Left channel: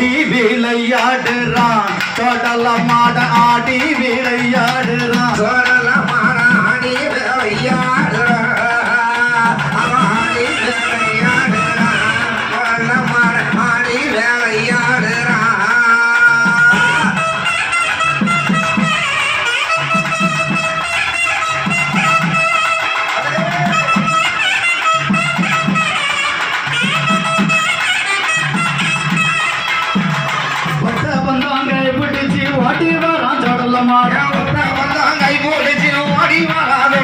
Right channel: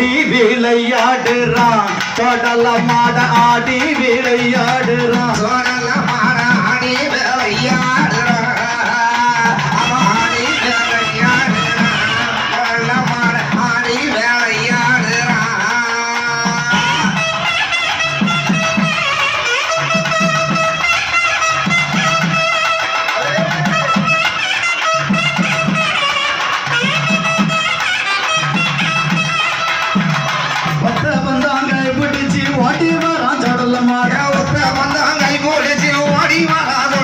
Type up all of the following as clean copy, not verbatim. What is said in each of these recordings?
ஆடி விளையாடுறான் தொடல மாட ஆடி விளையாடுறான் தொடல மாட ஆடி விளையாடுறான் ஆடி விளையாடுறான் தொடல மாட ஆடி விளையாடுறான் ஓடி வரான் தொடல மாட கை போடுச்சு ஓடி வரான்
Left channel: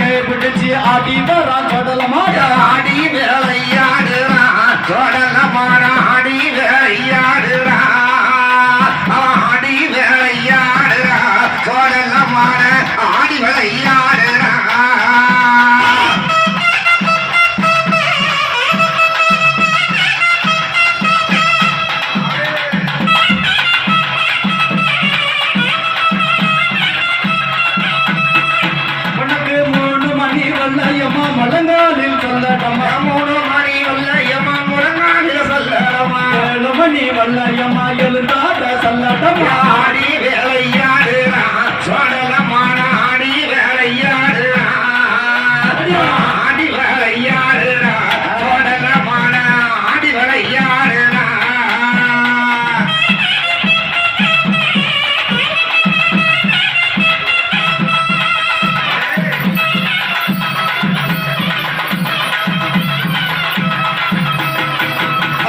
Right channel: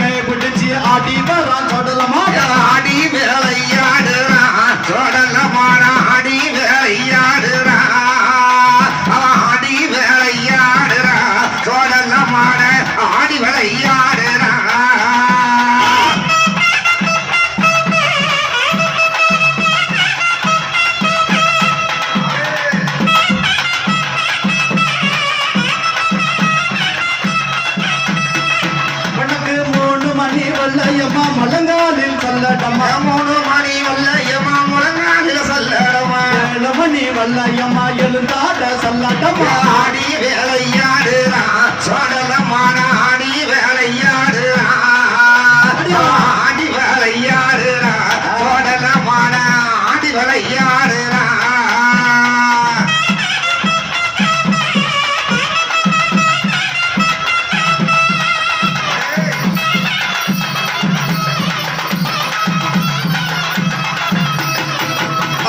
கை பிடிச்சி ஆடி வரான் தொடல மாட ஆடி விளையாடுறான் தொடல மாட ஆடி விளையாடுறான் ஆடி விளையாடுறான் தொடல மாட ஆடி விளையாடுறான் வல்லையம்மா மலங்காலில் சொல்லடமா 3 மணி வல்லையம்மா முழங்காலில் சொல்லடமா 7 மணி வல்லையம்மா எழுந்தாட சொல்லடமா ஆடி விளையாடுறான் சொல்லடமான ஆடி விளையாடுறான் ஆடி விளையாடுறான் சொல்லடமான ஆடி விளையாடுறான்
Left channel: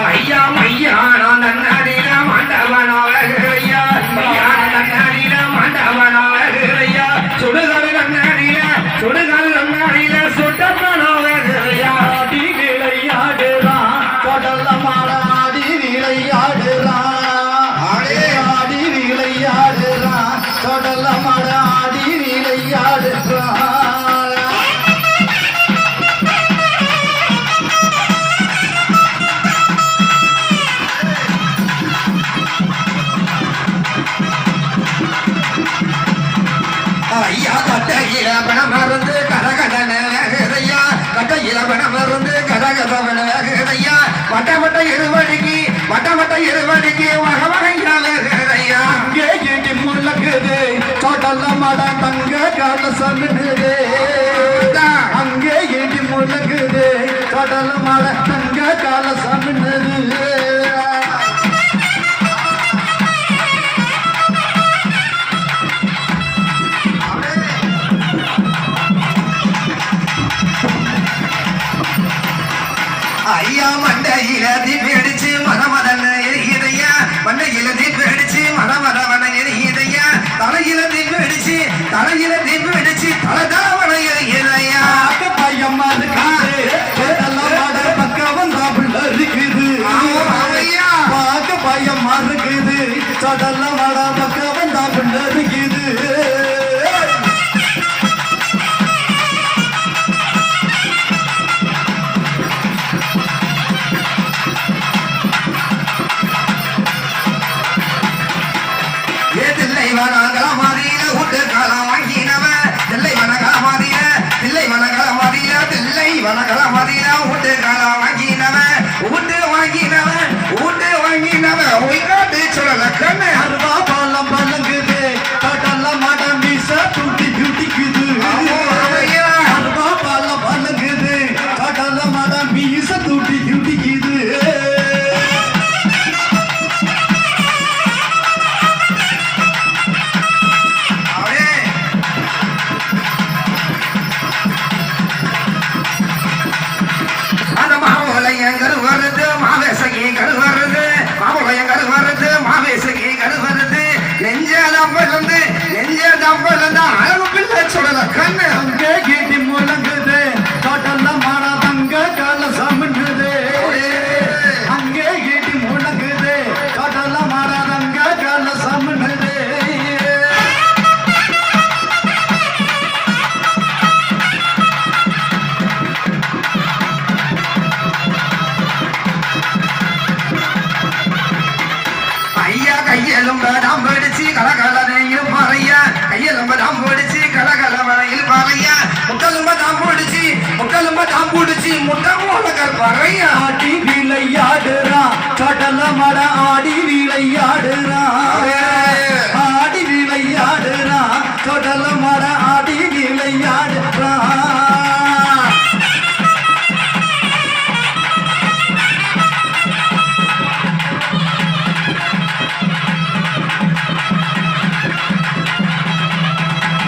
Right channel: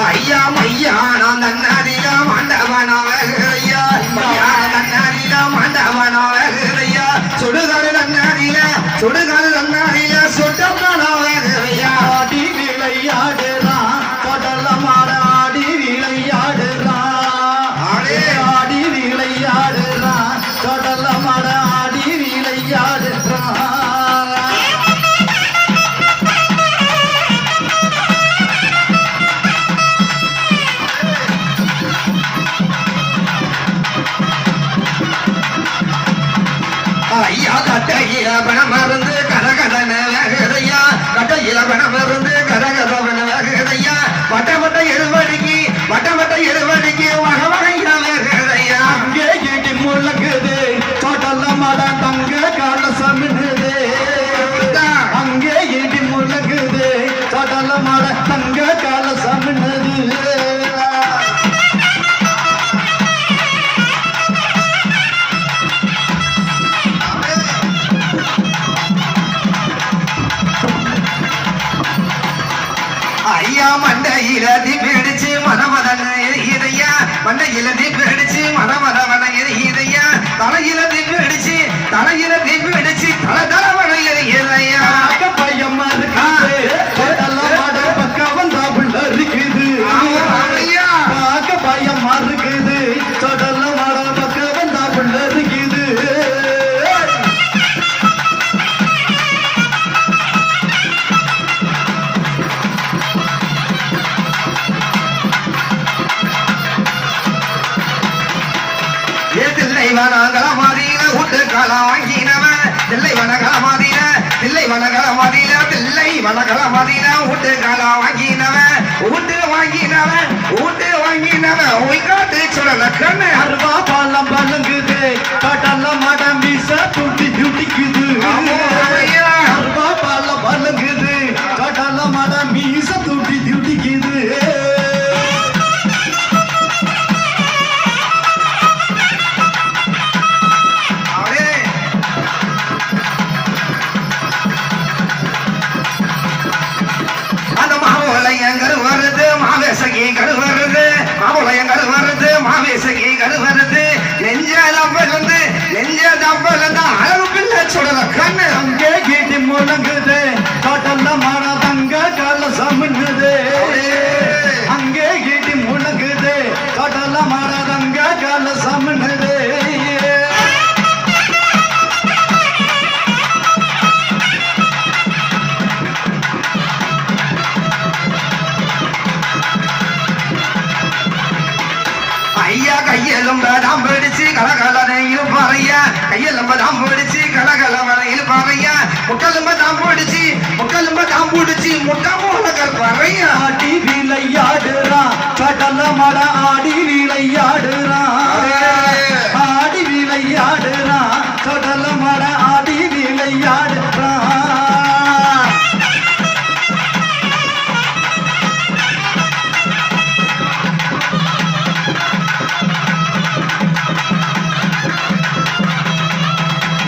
ஐயா மையானோ நன்னடில மண்டபனோவையா மையானோ நன்னடில மண்டபனோவையா சுடுகாடு நன்னடில சுட்டப்பனோவையா ஆடி விளையாடுறான் கடல மாட ஆடி விளையாடுறான் ஆடி விளையாடுறான் கடல மாட ஆடி விளையாடுறான் ஐயா கட்டையில பணம் மருந்து கரகதன வேகையா கட்டையில பணம் மருந்து கரகதவன வேகையா வட்ட இருவடிக்கு வகை வகையா வேகையா அங்கே இடி முழங்குது தொடல மாட தங்க கால சமிடுது அங்கே இடி முழங்குது தொடல மாட தங்க கால சமிடுது ஐயா மண்டையில தீப்பிடிச்சு மதமதன எரியுதையா மண்டையில தீப்பிடிச்சு மதமதவன எரியுதையா தலையில தீப்பிடிச்சு தலவன எரியுதையா பையம்மா இருக்காது பக்கம் வந்தா புள்ள இருக்குது பார்க்க பையம்மா இருக்குது தொடல மாட பக்கம் வந்தா புள்ள இருக்குது வனகலமதியில உண்டு காலம் வாங்கினவன் தில்லை வனகலமதியில உண்டு காலம் வாங்கினவன் ஒய்காட்டு சொல்லல கண்ணு அருவா பாலம் பழங்குது கடல மடம் வீச துட்டி துடிக்குது அருவா பாலம் பழங்குது கடல மடம் வீச துட்டி துடிக்குது மாவேசகி கருவருது நெஞ்சதம்பருந்து அளவு பிள்ளை சொல்லல கண்ணு அங்கே கீட்டி முழங்குது கடல மட தங்க கால சமங்குது அங்கே கீட்டி முழங்குது கடல மட தங்க கால சமங்குது ஐயா கையெலும்ப தாம் பிடிச்சு கலகலனை இருப்பாரையா கையெலும்ப தாம் பிடிச்சு கலகலவனை இருப்பாரையா முட்டலும்ப தாம் பிடிச்சு முட்டை மூல கற்பாரையா ஆடி விளையாடுறான் கடல சொடலமட ஆடி விளையாடுறான் ஆடி விளையாடுறான் சொடலமட ஆடி விளையாடுறான்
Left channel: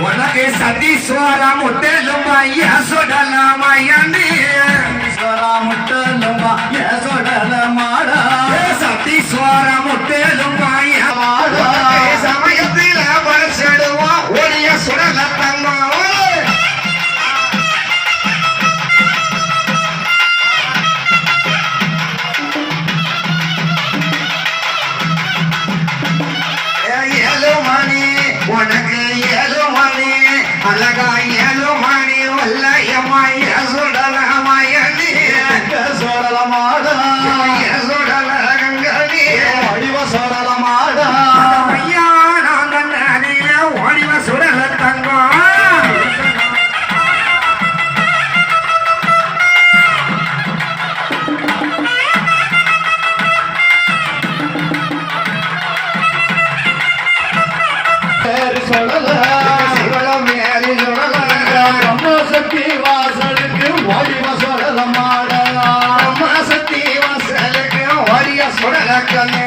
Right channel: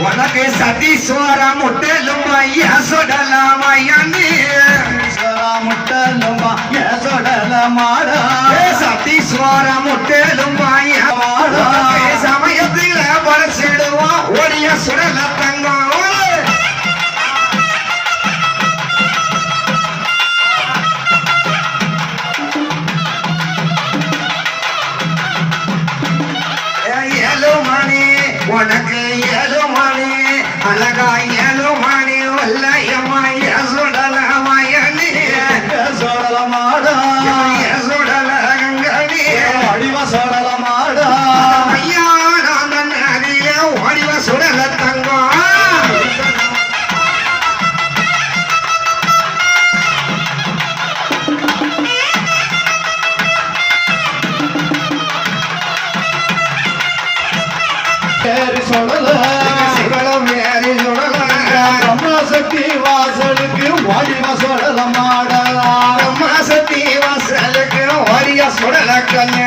உனக்கு சதீஸ்வரா முட்டலும் ஐயா சொடலாம் ஐயாண்டி முட்டலுமா சொடல மாடா சதீஸ்வரா முட்டலும் ஐயா சமயத்தில பரிசிடுவோம் ஒளிய சுடல தங்கம் ஏழு மணி உனக்கு ஏழு மணி அழகா ஏழு மணி வல்லையம்மாய சுடலமாயணி சொடல மாடா சுடல கங்கடி அடிவ சொடல மாடா ஐயா நான் நதிய ஓடிவ சுடல தங்கம் சொடல சிவலம் ஏறி சுடல பிரம்மசக்தி வாசலுக்கு ஓடிவ சொடல மாடா மாசத்தி வாசலுக்கு ஓடிய சுடல கண்ணு